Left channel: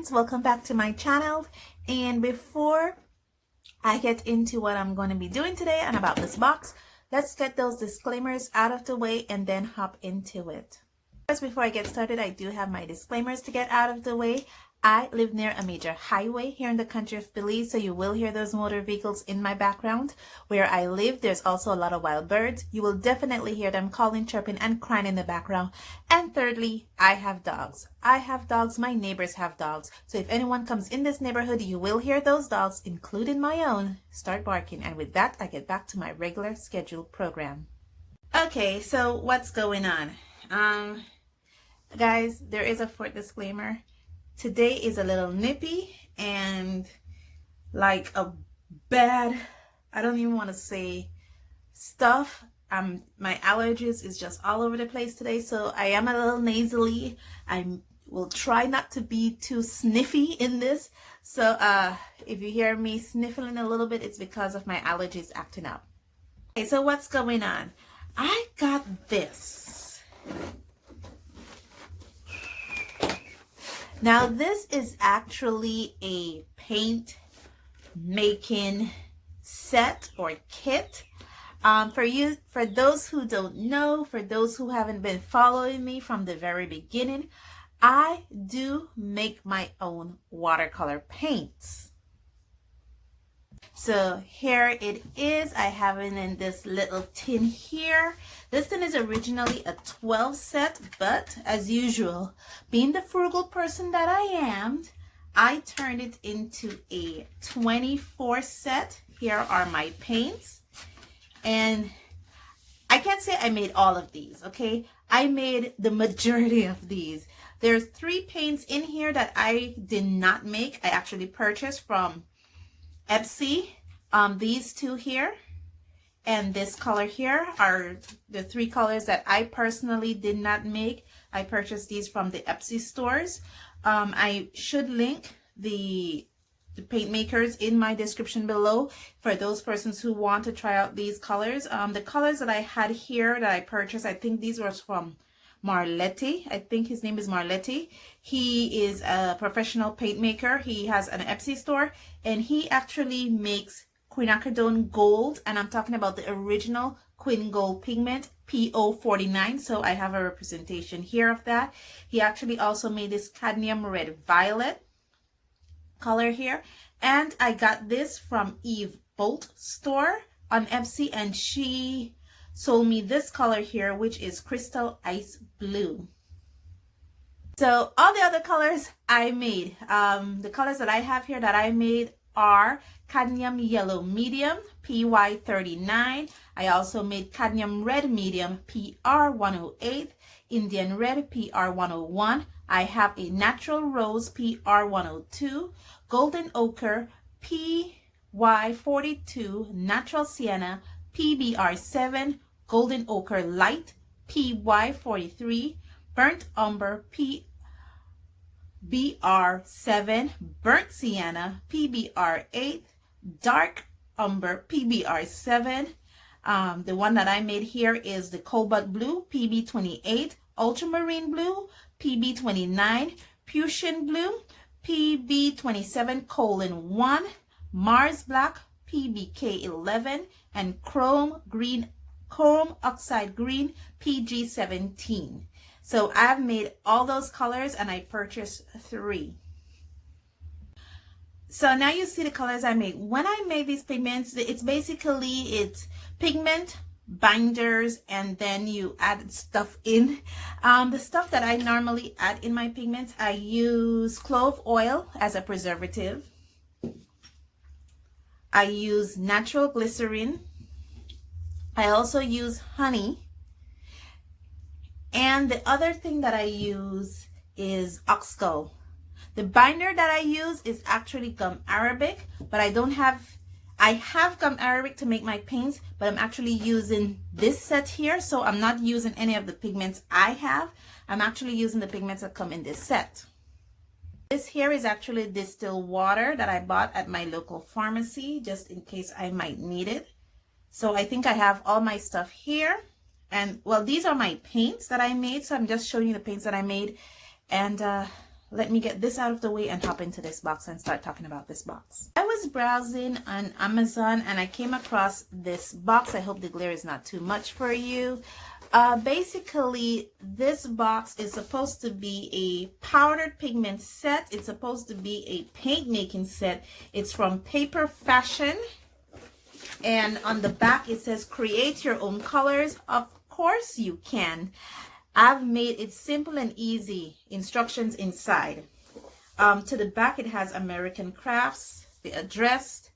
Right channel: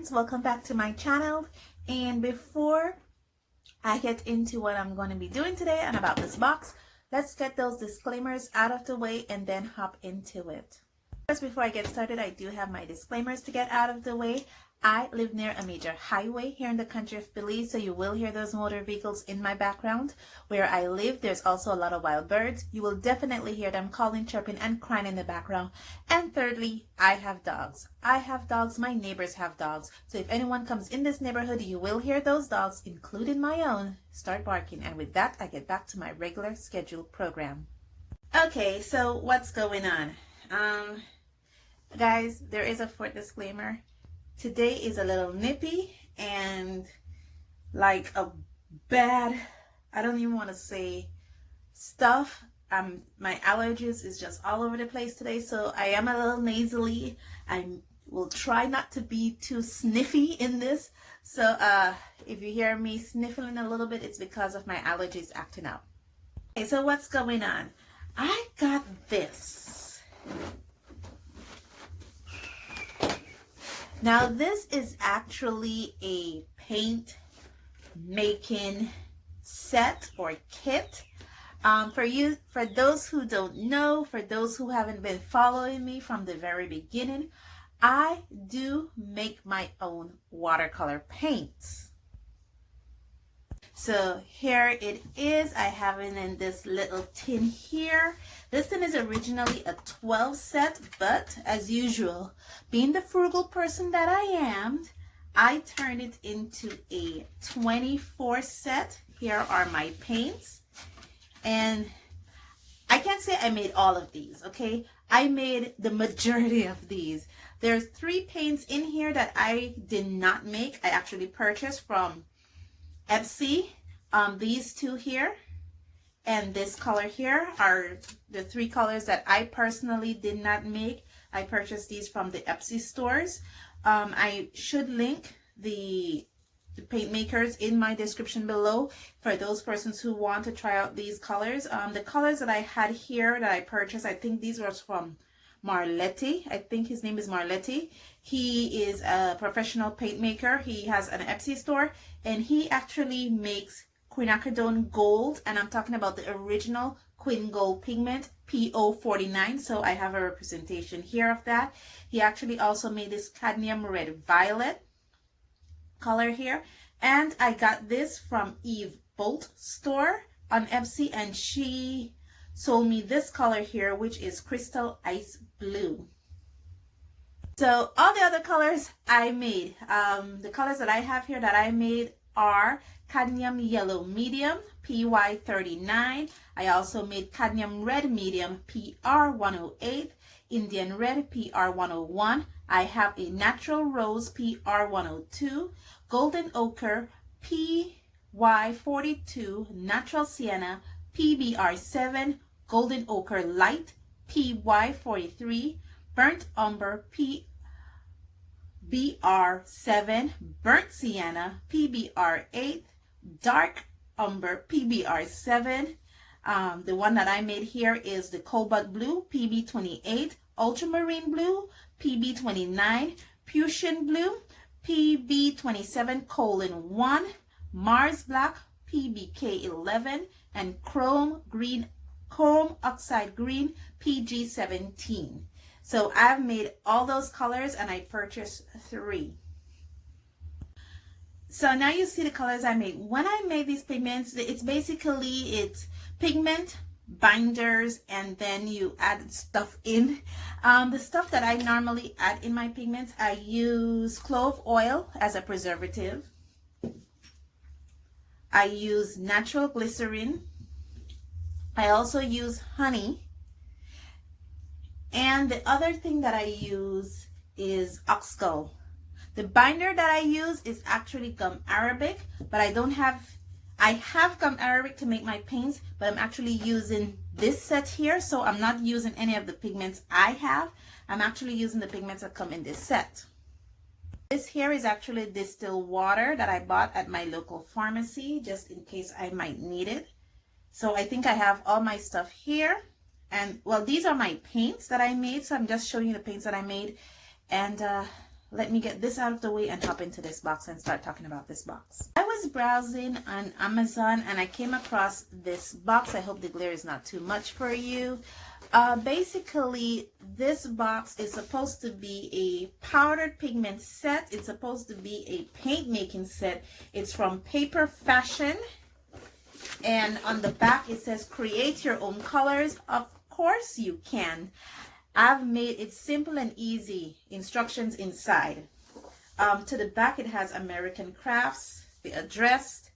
friends, welcome back to my channel. And before I get into what I'm going to be doing today and about this box, let's get those disclaimers out of the way and then hop into it. First, before I get started, I do have my disclaimers to get out of the way. I live near a major highway here in the country of Belize, so you will hear those motor vehicles in my background. Where I live, there's also a lot of wild birds. You will definitely hear them calling, chirping, and crying in the background. And thirdly, I have dogs. I have dogs, my neighbors have dogs. So if anyone comes in this neighborhood, you will hear those dogs, including my own, start barking. And with that, I get back to my regular scheduled program. Okay, so what's going on? Guys, there is a short disclaimer. Today is a little nippy and like a bad, I don't even want to say stuff. My allergies is just all over the place today, so I am a little nasally. I will try not to be too sniffy in this. So if you hear me sniffling a little bit, it's because of my allergies acting out. Okay, so what's going on? I got this. Now this is actually a paint making set or kit. For those who don't know, for those who haven't been following me from the very beginning, I do make my own watercolor paints. So here it is. I have it in this little tin here. This tin is originally a 12 set, but as usual, being the frugal person that I am, I turned it into a 24 set. Here are my paints. And I can't say I made all of these, okay? I made the majority of these. There's 3 paints in here that I did not make. I actually purchased from Etsy. These 2 here and this color here are the 3 colors that I personally did not make. I purchased these from the Etsy stores. I should link the paint makers in my description below for those persons who want to try out these colors. The colors that I had here that I purchased, I think these were from Marletti. I think his name is Marletti. He is a professional paint maker. He has an Etsy store and he actually makes quinacridone gold, and I'm talking about the original quin gold pigment PO49. So I have a representation here of that. He actually also made this cadmium red violet color here, and I got this from Eve Bolt store on Etsy, and she sold me this color here, which is crystal ice blue. So all the other colors I made, the colors that I have here that I made are cadmium yellow medium PY39. I also made cadmium red medium PR108, Indian red PR101. I have a natural rose PR102, golden ochre PY42, natural sienna PBR7, golden ochre light PY43, burnt umber PBR7, burnt sienna PBR8, dark umber PBR7. The one that I made here is the cobalt blue PB28, ultramarine blue PB29, Prussian blue PB27:1, Mars black PBK11, and chrome oxide green PG17. So I've made all those colors and I purchased 3. So now you see the colors I made. When I made these pigments, it's pigment, binders, and then you add stuff in. The stuff that I normally add in my pigments, I use clove oil as a preservative. I use natural glycerin. I also use honey. And the other thing that I use is oxgall. The binder that I use is actually gum arabic, but I have gum arabic to make my paints, but I'm actually using this set here, so I'm not using any of the pigments I have. I'm actually using the pigments that come in this set. This here is actually distilled water that I bought at my local pharmacy, just in case I might need it. So I think I have all my stuff here. And well, these are my paints that I made, so I'm just showing you the paints that I made. And let me get this out of the way and hop into this box and start talking about this box. I was browsing on Amazon and I came across this box. I hope the glare is not too much for you. Basically, this box is supposed to be a powdered pigment set. It's supposed to be a paint making set. It's from Paper Fashion. And on the back it says create your own colors. Of course you can. I've made it simple and easy. Instructions inside. To the back it has American Crafts, the address.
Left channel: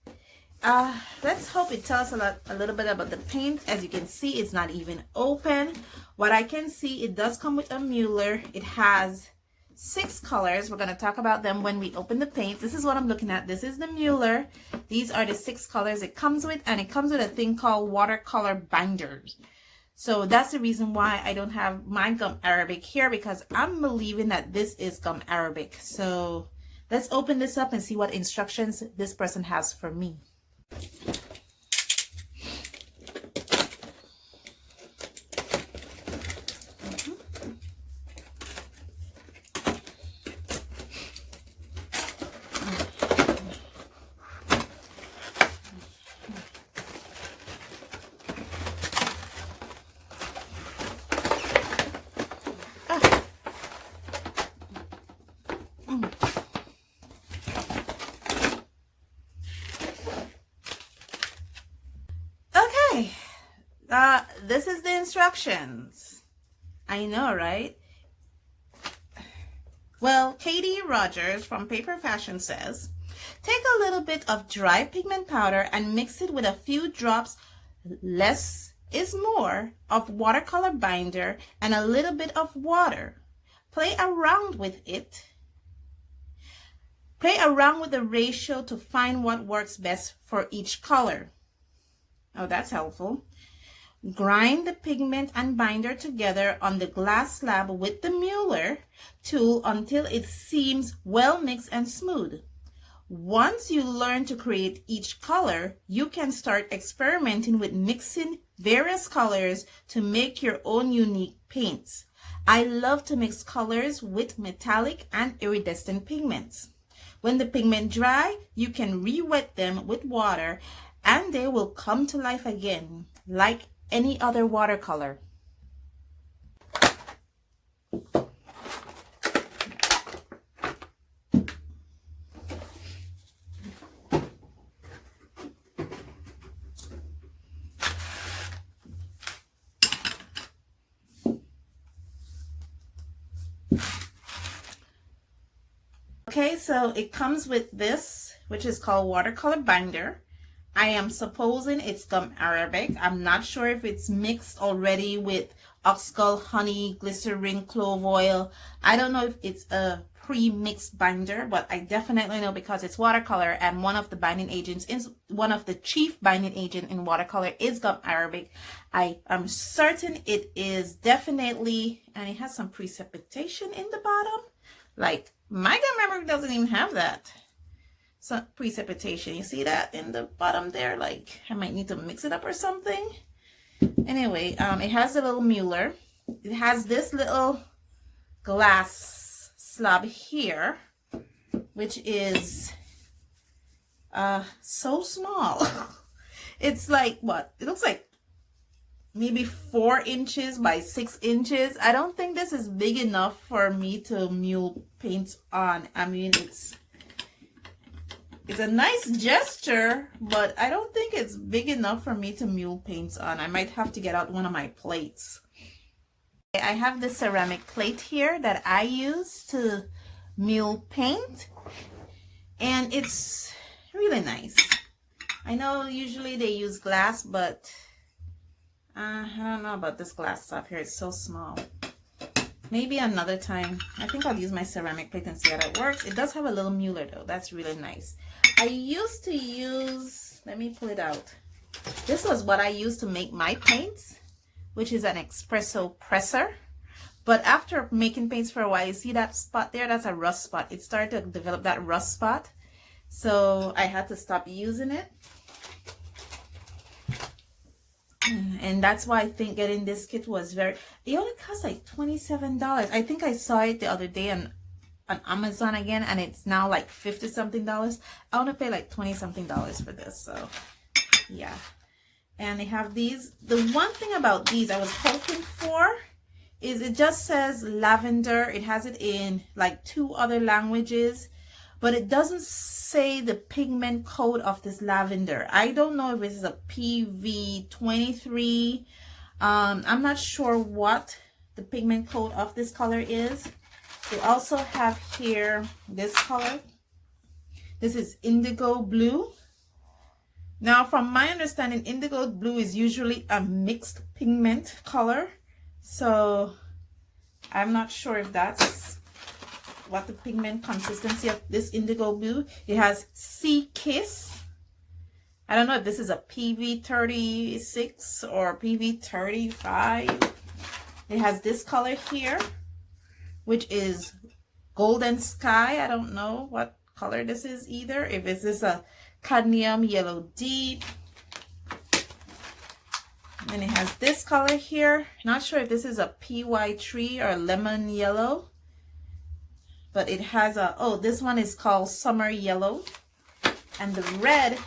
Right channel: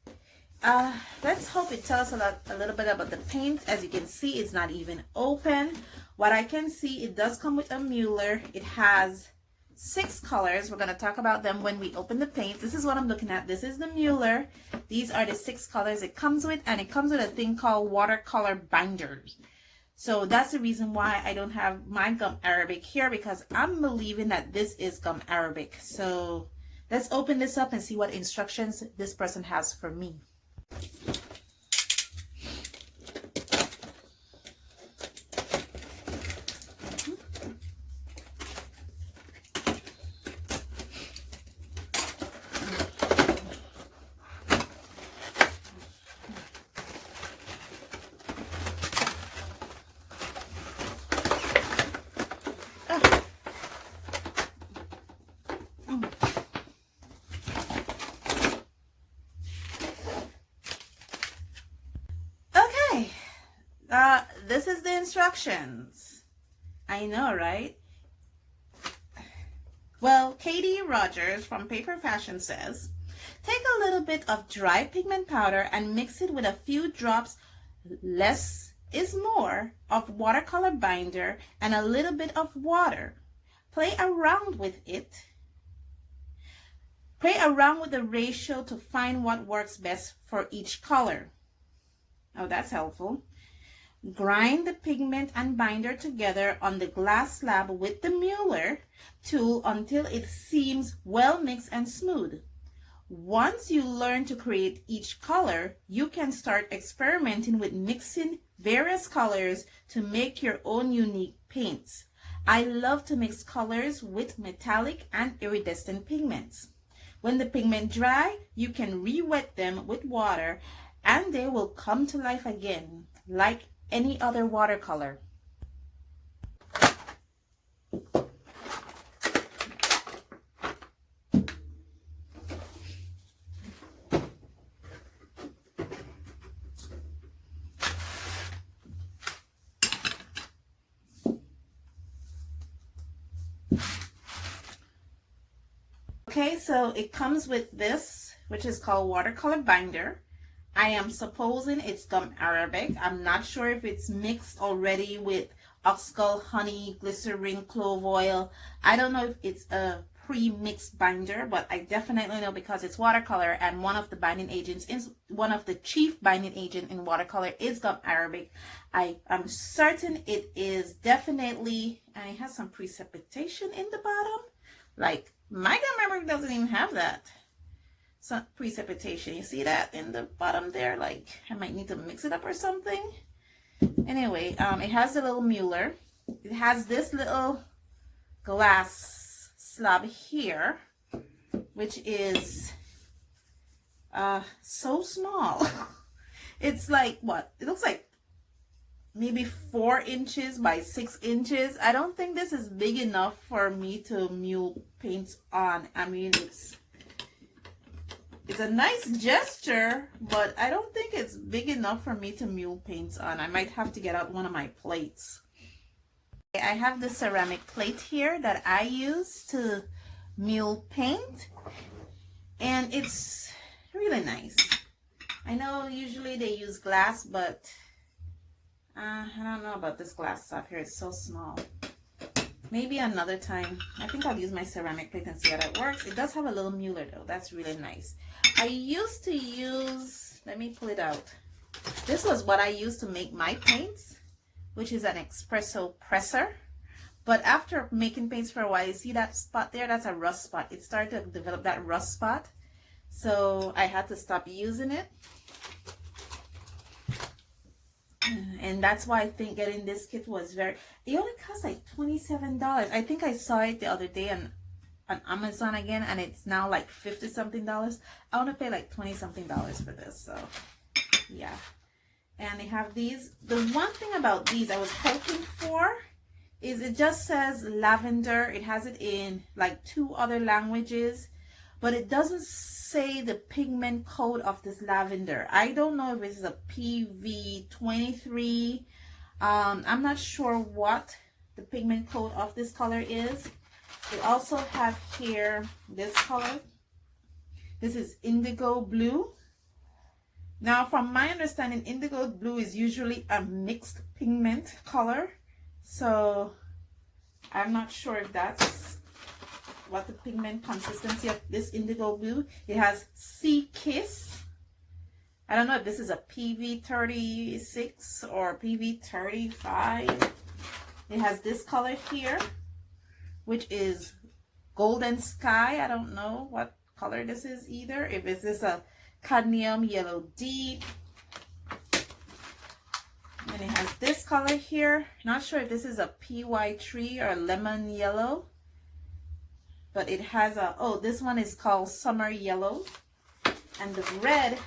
Let's hope it tells us a little bit about the paint. As you can see, it's not even open. What I can see, it does come with a Mueller. It has 6 colors. We're going to talk about them when we open the paint. This is what I'm looking at. This is the Mueller. These are the 6 colors it comes with, and it comes with a thing called watercolor binders. So that's the reason why I don't have my gum Arabic here, because I'm believing that this is gum Arabic. So let's open this up and see what instructions this person has for me. This is the instructions. I know, right? Well, Katie Rogers from Paper Fashion says, take a little bit of dry pigment powder and mix it with a few drops, less is more, of watercolor binder and a little bit of water. Play around with it. Play around with the ratio to find what works best for each color. Oh, that's helpful. Grind the pigment and binder together on the glass slab with the Mueller tool until it seems well mixed and smooth. Once you learn to create each color, you can start experimenting with mixing various colors to make your own unique paints. I love to mix colors with metallic and iridescent pigments. When the pigment dry, you can re-wet them with water and they will come to life again, like any other watercolor. Okay, so it comes with this, which is called watercolor binder. I am supposing it's gum Arabic. I'm not sure if it's mixed already with oxgall, honey, glycerin, clove oil. I don't know if it's a pre-mixed binder, but I definitely know because it's watercolor and one of the binding agents is one of the chief binding agent in watercolor is gum Arabic. I am certain it is definitely, and it has some precipitation in the bottom. Like my gum Arabic doesn't even have that. Some precipitation. You see that in the bottom there? Like I might need to mix it up or something. Anyway, it has a little Mueller. It has this little glass slab here, which is so small. It's like what? It looks like maybe 4 inches by 6 inches. I don't think this is big enough for me to mule paints on. I mean, it's a nice gesture, but I don't think it's big enough for me to mule paints on. I might have to get out one of my plates. I have this ceramic plate here that I use to mule paint, and it's really nice. I know usually they use glass, but I don't know about this glass stuff here. It's so small. Maybe another time. I think I'll use my ceramic plate and see how that works. It does have a little Mueller though. That's really nice. I used to use, let me pull it out. This was what I used to make my paints, which is an espresso presser. But after making paints for a while, you see that spot there? That's a rust spot. It started to develop that rust spot. So I had to stop using it. And that's why I think getting this kit was it only cost like $27. I think I saw it the other day and on Amazon again, and it's now like $50 something. I want to pay like $20 something for this. So yeah. And they have these. The one thing about these I was hoping for is it just says lavender. It has it in like 2 other languages, but it doesn't say the pigment code of this lavender. I don't know if it's a PV23. I'm not sure what the pigment code of this color is. They also have here this color. This is indigo blue. Now, from my understanding, indigo blue is usually a mixed pigment color. So I'm not sure if that's what the pigment consistency of this indigo blue. It has Sea Kiss. I don't know if this is a PV36 or PV35. It has this color here, which is Golden Sky. I don't know what color this is either. If it's this a cadmium yellow deep. And it has this color here. Not sure if this is a PY3 or lemon yellow. But it has a, oh, this one is called Summer Yellow. And the red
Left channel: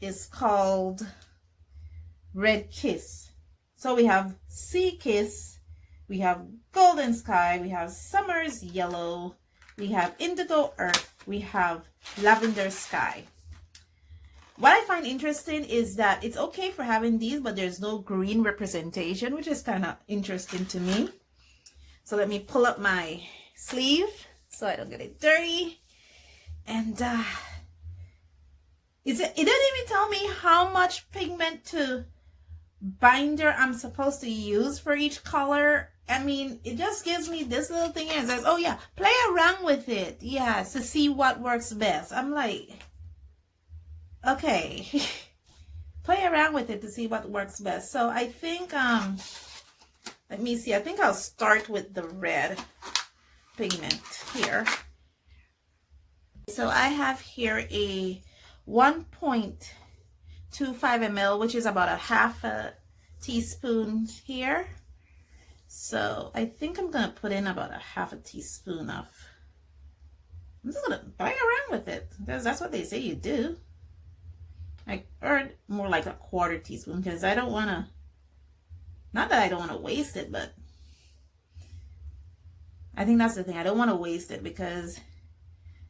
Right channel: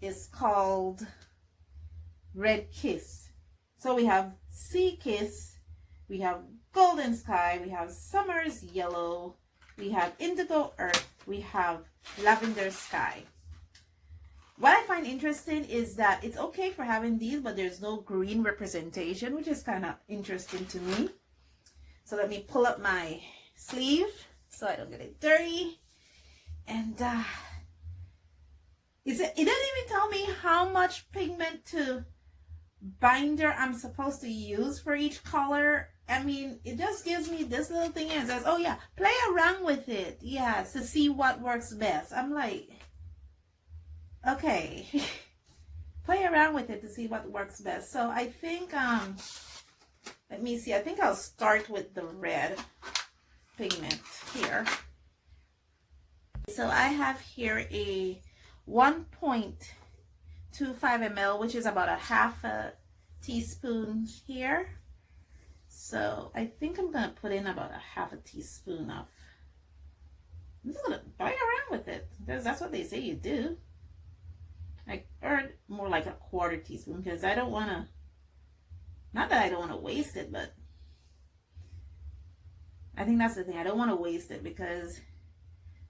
is called Red Kiss. So we have Sea Kiss, we have Golden Sky, we have Summer's Yellow, we have Indigo Earth, we have Lavender Sky. What I find interesting is that it's okay for having these, but there's no green representation, which is kind of interesting to me. So let me pull up my sleeve so I don't get it dirty. And it didn't even tell me how much pigment to binder I'm supposed to use for each color. I mean, it just gives me this little thing and says, oh yeah, play around with it. Yes, to see what works best. I'm like, okay, play around with it to see what works best. So I think, let me see, I think I'll start with the red pigment here. So I have here a 1.25 ml, which is about a half a teaspoon here. So I think I'm going to put in about a half a teaspoon of, I'm just going to play around with it because that's what they say you do. Or more like a quarter teaspoon, because I don't want to, not that I don't want to waste it, but I think that's the thing. I don't want to waste it because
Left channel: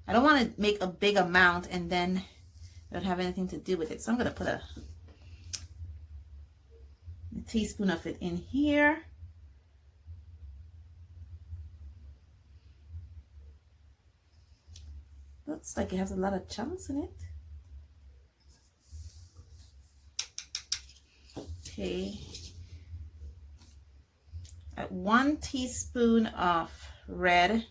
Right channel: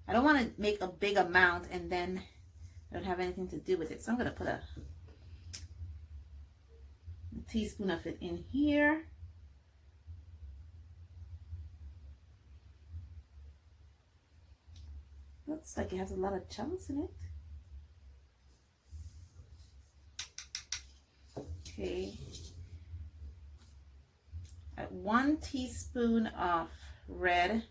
I don't want to make a big amount and then I don't have anything to do with it. So I'm going to put a teaspoon of it in here. Looks like it has a lot of chunks in it. Okay. At 1 teaspoon of red.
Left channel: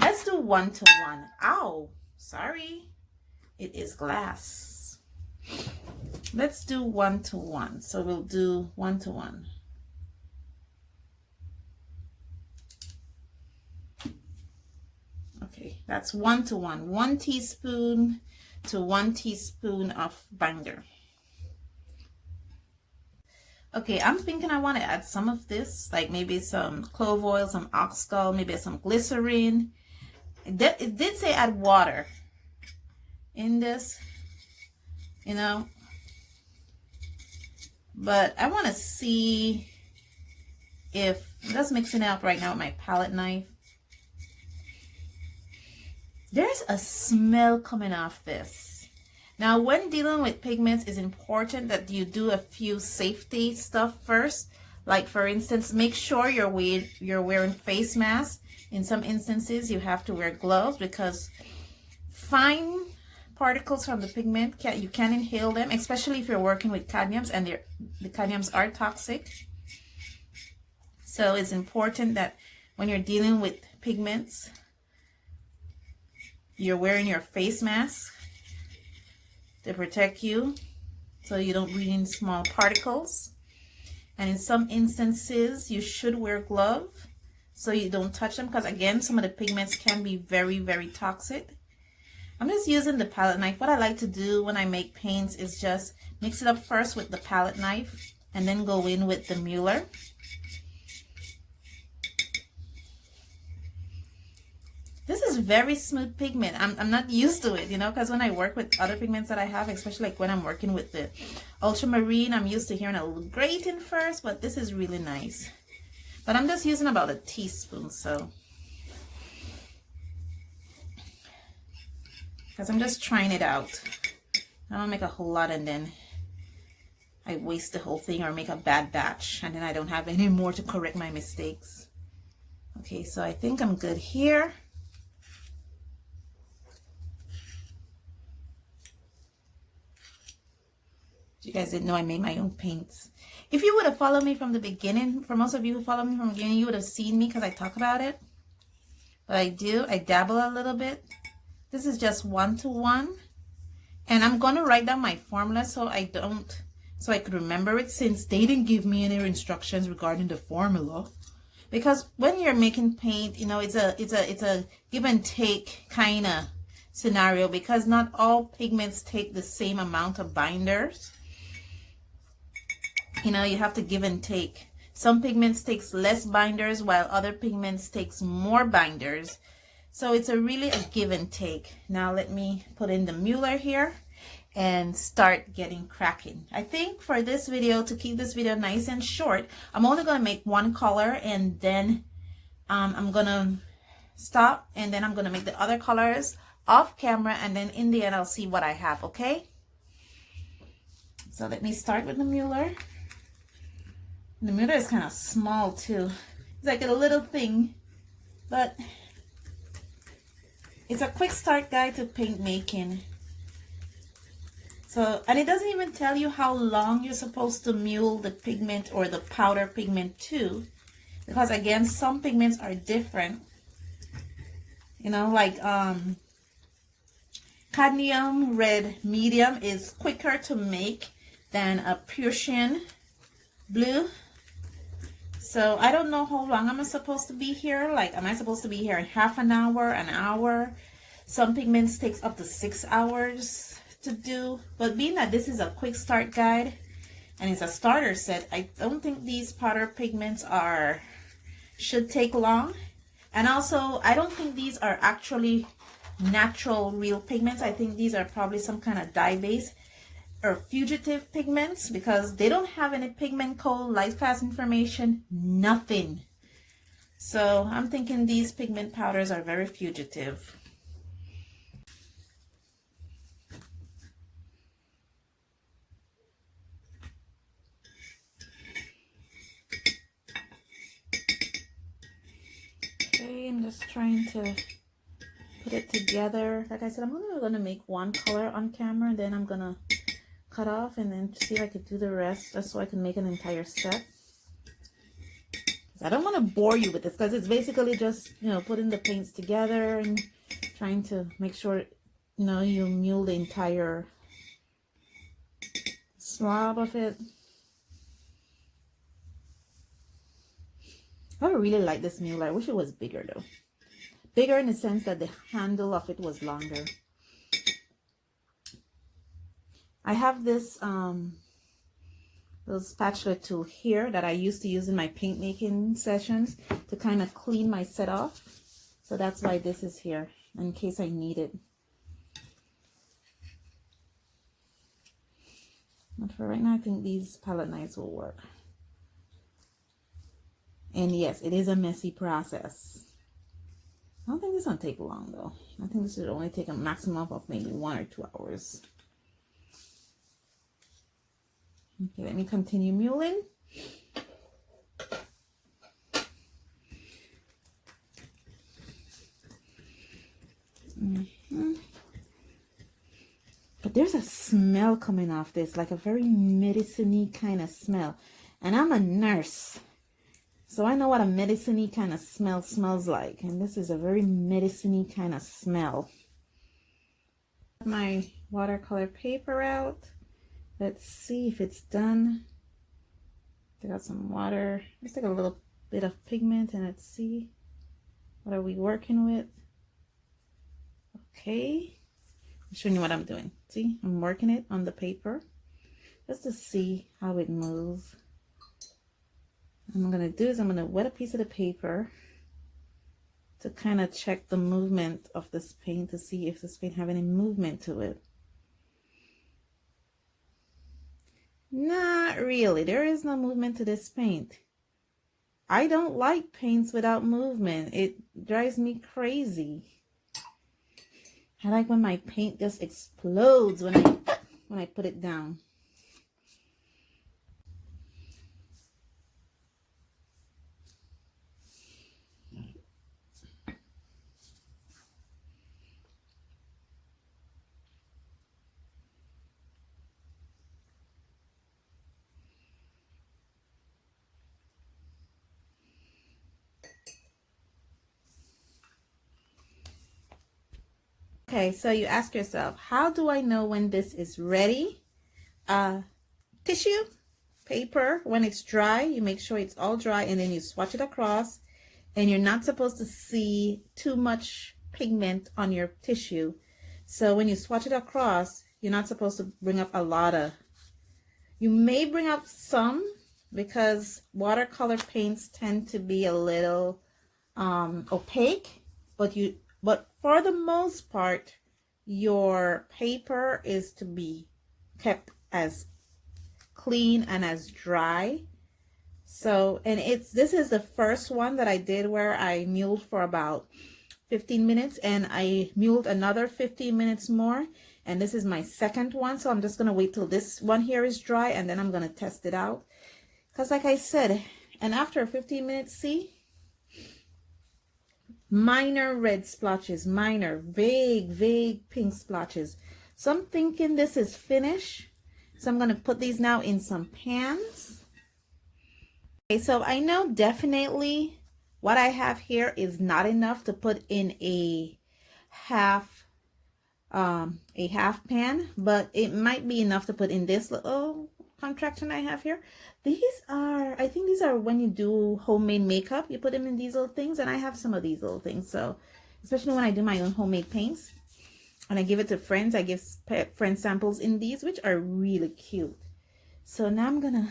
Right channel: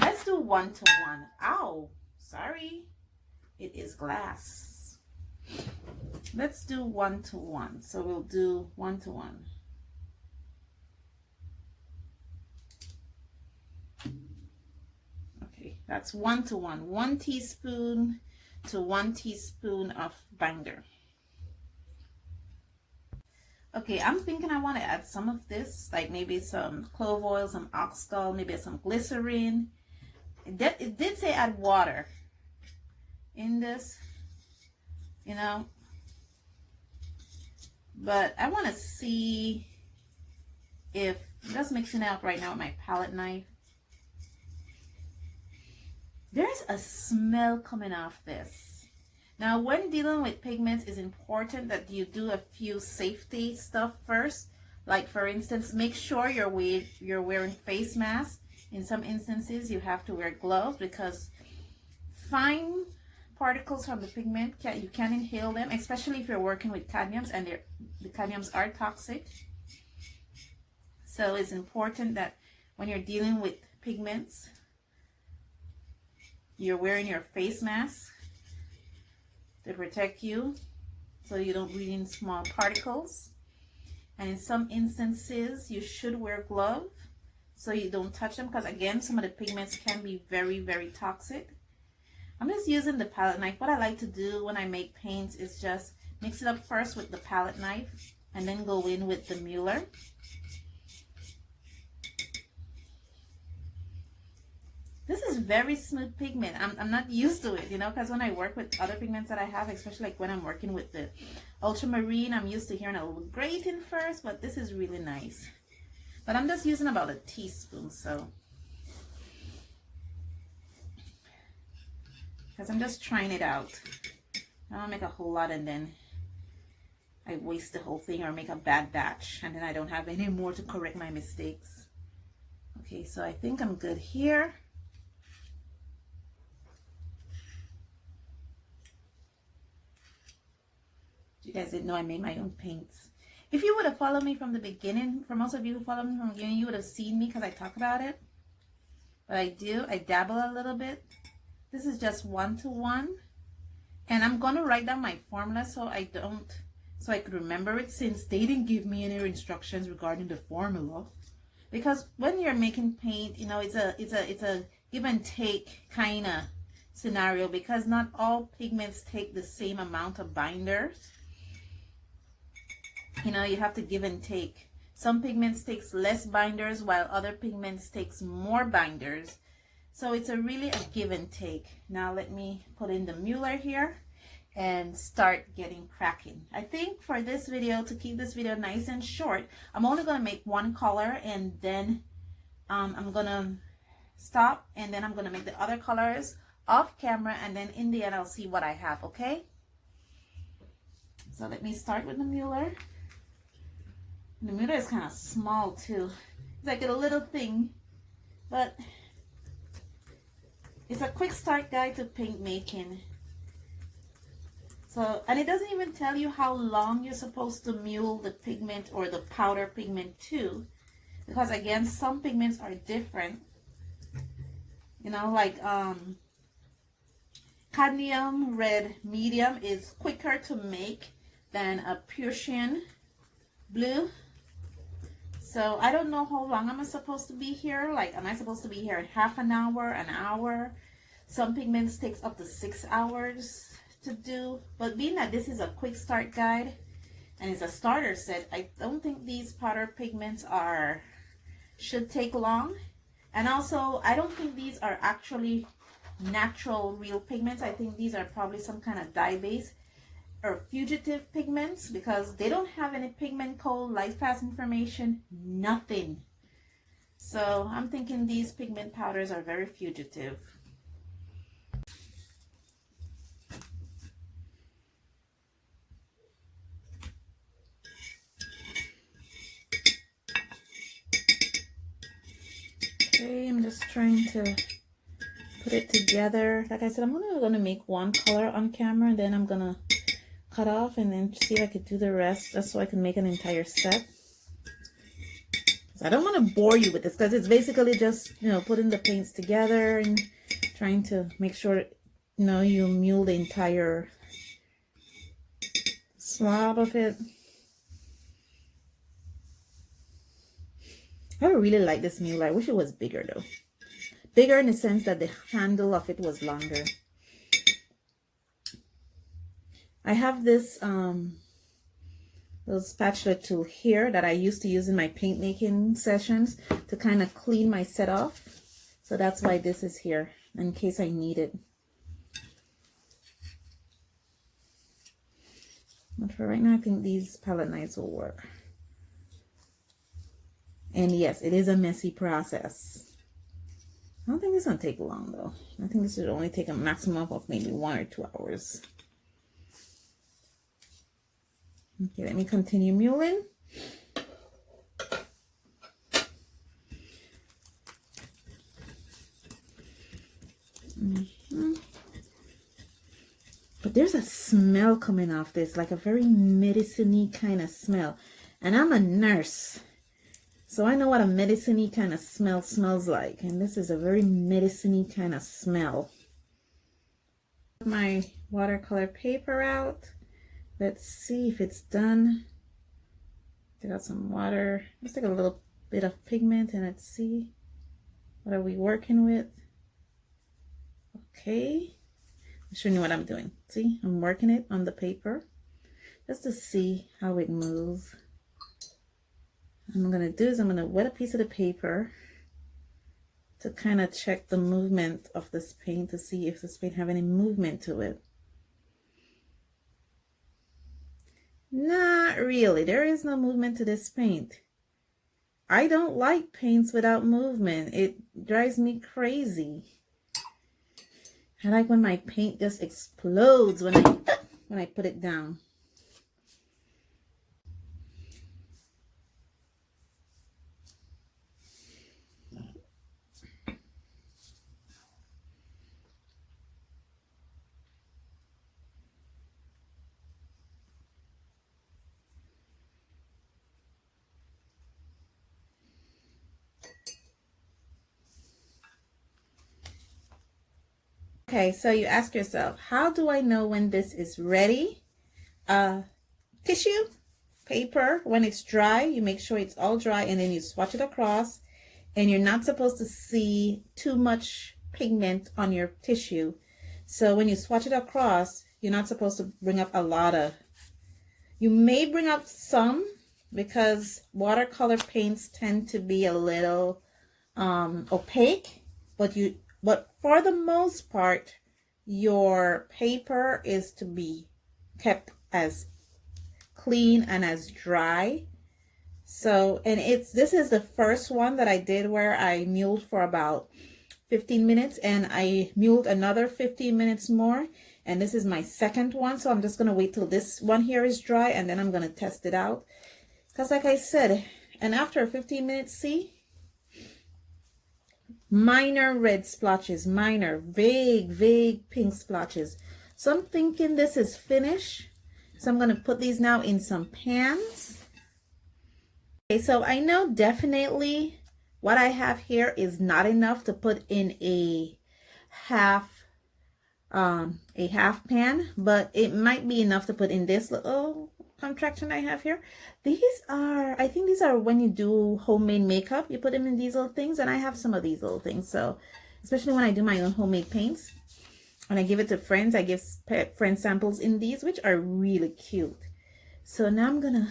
Let's do 1 to 1. Ow, sorry. It is glass. Let's do 1 to 1. So we'll do 1 to 1. Okay, that's 1 to 1. 1 teaspoon to 1 teaspoon of binder. Okay, I'm thinking I want to add some of this, like maybe some clove oil, some ox gall, maybe some glycerin. It did say add water in this, you know, but I want to see if, I'm just mixing it up right now with my palette knife. There's a smell coming off this. Now, when dealing with pigments, it's important that you do a few safety stuff first. Like, for instance, make sure you're wearing face masks. In some instances, you have to wear gloves because fine particles from the pigment, you can inhale them, especially if you're working with cadmiums, and the cadmiums are toxic. So it's important that when you're dealing with pigments, you're wearing your face mask to protect you so you don't breathe in small particles. And in some instances, you should wear gloves so you don't touch them, because again, some of the pigments can be very, very toxic. I'm just using the palette knife. What I like to do when I make paints is just mix it up first with the palette knife and then go in with the Muller. This is very smooth pigment. I'm not used to it, you know, because when I work with other pigments that I have, especially like when I'm working with the ultramarine, I'm used to hearing a little grating first, but this is really nice. But I'm just using about a teaspoon, so. Because I'm just trying it out. I don't make a whole lot and then I waste the whole thing or make a bad batch and then I don't have any more to correct my mistakes. Okay, so I think I'm good here. You guys didn't know I made my own paints. If you would have followed me from the beginning, for most of you who followed me from the beginning, you would have seen me because I talk about it. But I do, I dabble a little bit. This is just 1-to-1. And I'm going to write down my formula so I could remember it, since they didn't give me any instructions regarding the formula. Because when you're making paint, you know, it's a give and take kind of scenario, because not all pigments take the same amount of binders. You know, you have to give and take. Some pigments takes less binders while other pigments takes more binders. So it's really a give and take. Now let me put in the Muller here and start getting cracking. I think for this video, to keep this video nice and short, I'm only going to make one color and then I'm going to stop, and then I'm going to make the other colors off camera, and then in the end I'll see what I have, okay? So let me start with the Muller. The Muller is kind of small too. It's like a little thing, but it's a quick start guide to paint making. So, and it doesn't even tell you how long you're supposed to mule the pigment or the powder pigment to, because again, some pigments are different. You know, like cadmium red medium is quicker to make than a Prussian blue. So I don't know how long I'm supposed to be here. Like, am I supposed to be here in half an hour, an hour? Some pigments takes up to 6 hours to do. But being that this is a quick start guide and it's a starter set, I don't think these powder pigments should take long. And also, I don't think these are actually natural real pigments. I think these are probably some kind of dye base or fugitive pigments, because they don't have any pigment code, light fast information, nothing. So I'm thinking these pigment powders are very fugitive. Okay, I'm just trying to put it together. Like I said, I'm only gonna make one color on camera, and then I'm gonna cut off and then see if I could do the rest, just so I can make an entire set. I don't want to bore you with this, because it's basically just, you know, putting the paints together and trying to make sure, you know, you mule the entire slab of it. I really like this mule. I wish it was bigger though. Bigger in the sense that the handle of it was longer. I have this little spatula tool here that I used to use in my paint making sessions to kind of clean my set off. So that's why this is here, in case I need it. But for right now, I think these palette knives will work. And yes, it is a messy process. I don't think this is going to take long though. I think this should only take a maximum of maybe 1 or 2 hours. Okay, let me continue muling. But there's a smell coming off this, like a very medicine-y kind of smell. And I'm a nurse, so I know what a medicine-y kind of smell smells like. And this is a very medicine-y kind of smell. My watercolor paper out. Let's see if it's done. Take out some water. Let's take a little bit of pigment and let's see. What are we working with? Okay. I'm showing you what I'm doing. See, I'm working it on the paper just to see how it moves. What I'm going to do is I'm going to wet a piece of the paper to kind of check the movement of this paint to see if this paint have any movement to it. Not really. There is no movement to this paint. I don't like paints without movement. It drives me crazy. I like when my paint just explodes when I put it down. Okay, so you ask yourself, how do I know when this is ready? Tissue, paper, when it's dry, you make sure it's all dry and then you swatch it across, and you're not supposed to see too much pigment on your tissue. So when you swatch it across, you're not supposed to bring up a lot of, you may bring up some because watercolor paints tend to be a little opaque, but for the most part, your paper is to be kept as clean and as dry. So, and this is the first one that I did where I mulled for about 15 minutes and I mulled another 15 minutes more. And this is my second one. So I'm just going to wait till this one here is dry and then I'm going to test it out. Because like I said, and after 15 minutes, see? Minor red splotches, minor, vague pink splotches. So I'm thinking this is finished. So I'm going to put these now in some pans. Okay, so I know definitely what I have here is not enough to put in a half pan, but it might be enough to put in this little contraction I have here. These are, I think these are when you do homemade makeup, you put them in these little things, and I have some of these little things. So especially when I do my own homemade paints and I give it to friends, I give friends samples in these, which are really cute. So now I'm gonna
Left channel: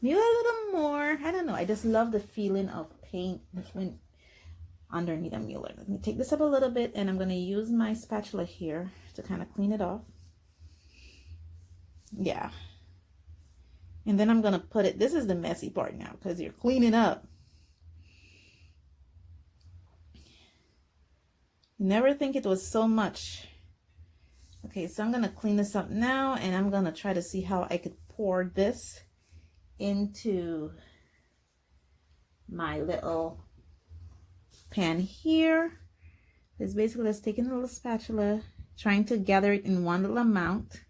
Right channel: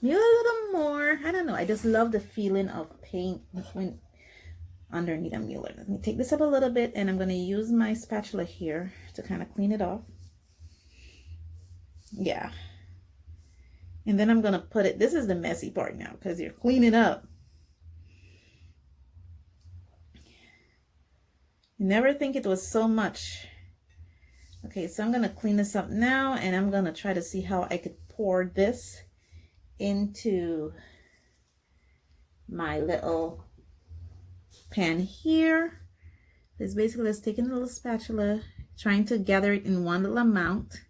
mule a little more. I don't know, I just love the feeling of paint when underneath a muller. Let me take this up a little bit and I'm going to use my spatula here to kind of clean it off. Yeah. And then I'm going to put it, this is the messy part now because you're cleaning up. You never think it was so much. Okay, so I'm going to clean this up now and I'm going to try to see how I could pour this into my little pan here. It's basically just taking a little spatula, trying to gather it in one little amount.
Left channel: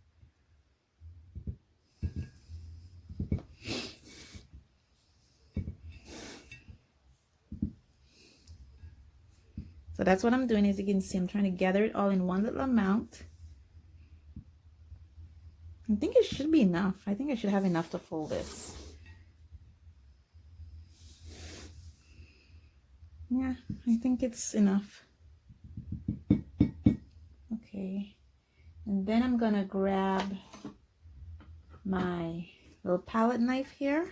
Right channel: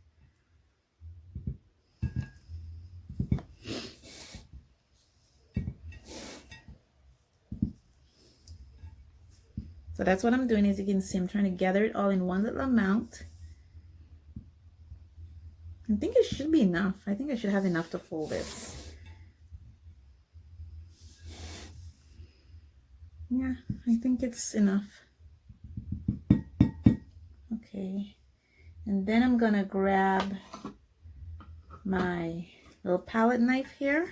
So that's what I'm doing. As you can see, I'm trying to gather it all in one little amount. I think it should be enough. I think I should have enough to fold this. Yeah, I think it's enough. Okay, and then I'm gonna grab my little palette knife here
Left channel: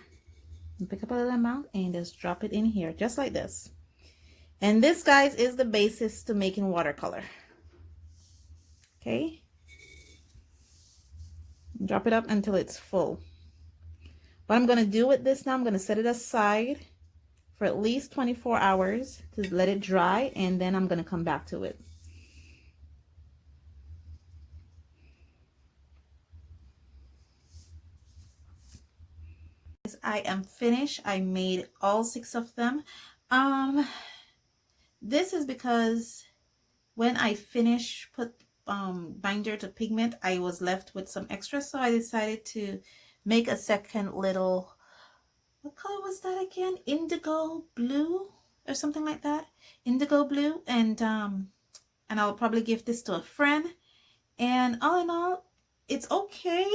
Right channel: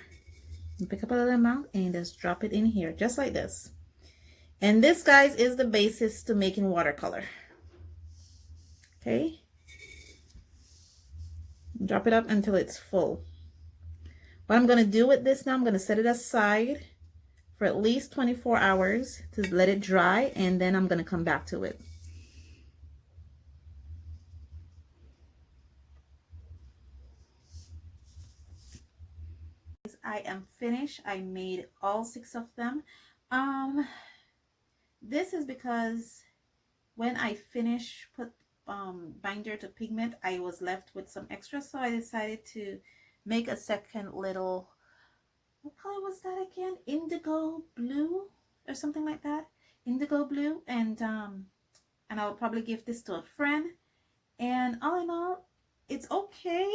and pick up a little amount and just drop it in here, just like this. And this, guys, is the basis to making watercolor. Okay, drop it up until it's full. What I'm gonna do with this now, I'm gonna set it aside for at least 24 hours to let it dry, and then I'm going to come back to it. I am finished. I made all 6 of them. This is because when I finished put binder to pigment, I was left with some extra, so I decided to make a second little, what color was that again? Indigo blue or something like that. Indigo blue. And I'll probably give this to a friend. And all in all, it's okay.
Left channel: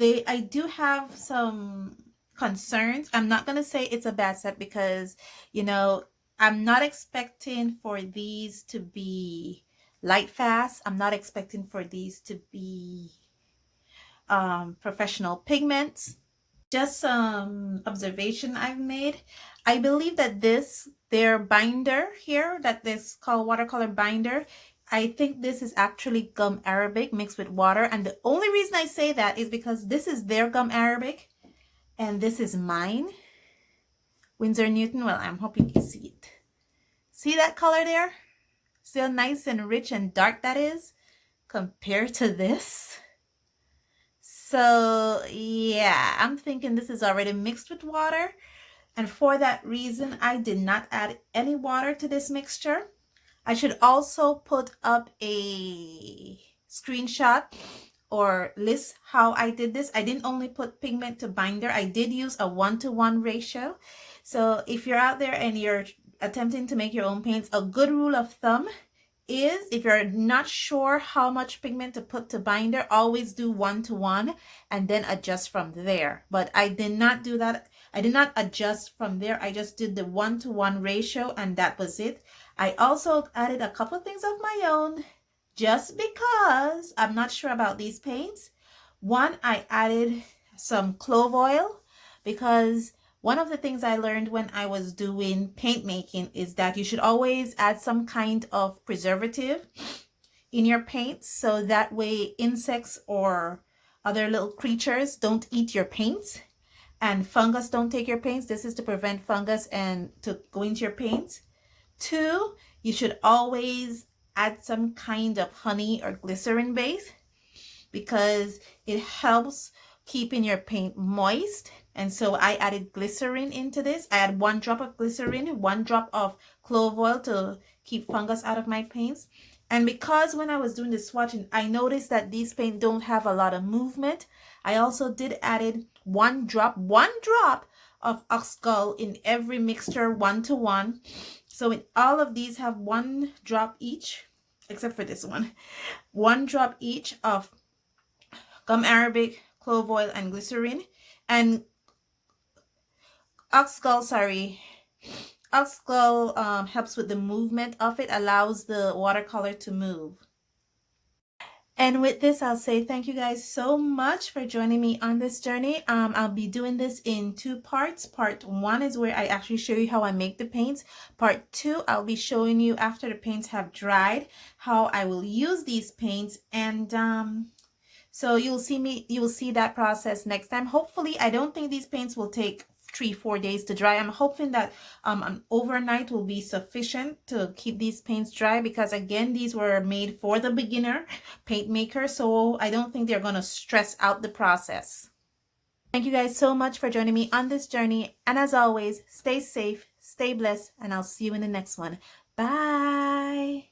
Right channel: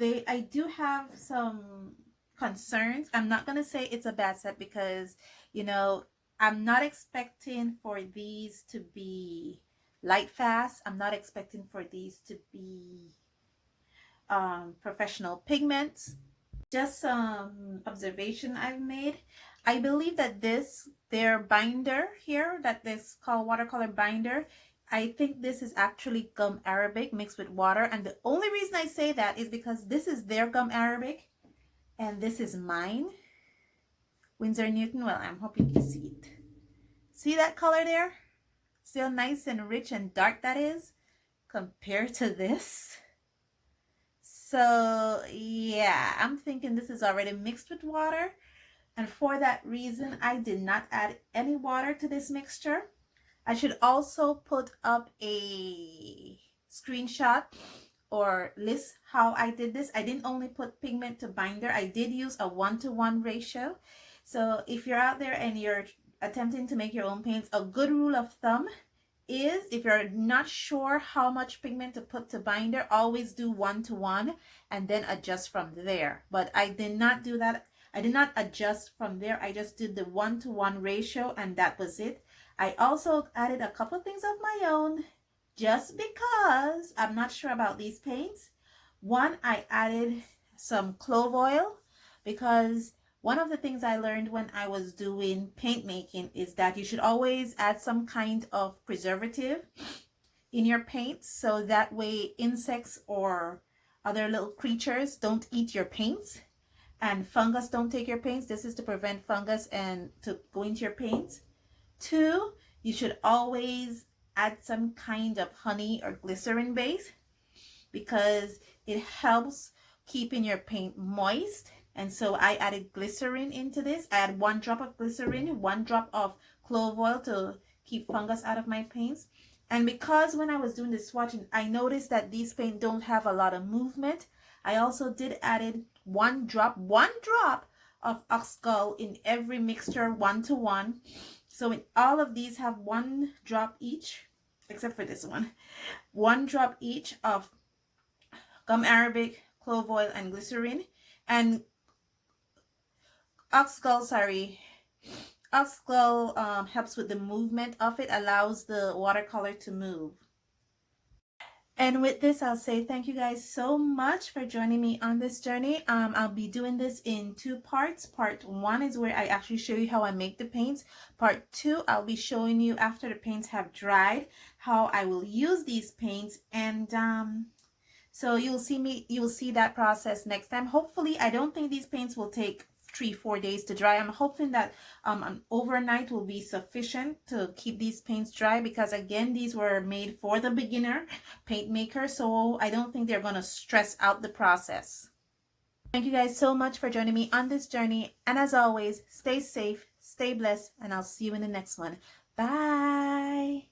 I do have some concerns. I'm not gonna say it's a bad set because, you know, I'm not expecting for these to be light fast. I'm not expecting for these to be professional pigments. Just some observation I've made. I believe that their binder here, that this called watercolor binder, I think this is actually gum arabic mixed with water. And the only reason I say that is because this is their gum arabic and this is mine. Winsor Newton. Well, I'm hoping you can see it. See that color there? See how nice and rich and dark that is compared to this? So yeah, I'm thinking this is already mixed with water. And for that reason, I did not add any water to this mixture. I should also put up a screenshot or list how I did this. I didn't only put pigment to binder. I did use a 1-to-1 ratio. So if you're out there and you're attempting to make your own paints, a good rule of thumb is if you're not sure how much pigment to put to binder, always do 1-to-1 and then adjust from there. But I did not do that. I did not adjust from there. I just did the 1-to-1 ratio and that was it. I also added a couple of things of my own just because I'm not sure about these paints. One, I added some clove oil because one of the things I learned when I was doing paint making is that you should always add some kind of preservative in your paints so that way insects or other little creatures don't eat your paints and fungus don't take your paints. This is to prevent fungus and to go into your paints. 2, you should always add some kind of honey or glycerin base because it helps keeping your paint moist. And so I added glycerin into this. I add 1 drop of glycerin, 1 drop of clove oil to keep fungus out of my paints. And because when I was doing the swatching, I noticed that these paints don't have a lot of movement. I also did added 1 drop of ox gall in every mixture, 1-to-1. So in all of these have 1 drop each, except for this one. 1 drop each of gum arabic, clove oil, and glycerin. And ox gall helps with the movement of it, allows the watercolor to move. And with this, I'll say thank you guys so much for joining me on this journey. I'll be doing this in 2 parts. Part 1 is where I actually show you how I make the paints. Part 2, I'll be showing you after the paints have dried, how I will use these paints. And so you will see that process next time. Hopefully, I don't think these paints will take 3-4 days to dry. I'm hoping that an overnight will be sufficient to keep these paints dry because again these were made for the beginner paint maker, so I don't think they're going to stress out the process. Thank you guys so much for joining me on this journey, and as always, stay safe, stay blessed, and I'll see you in the next one. Bye.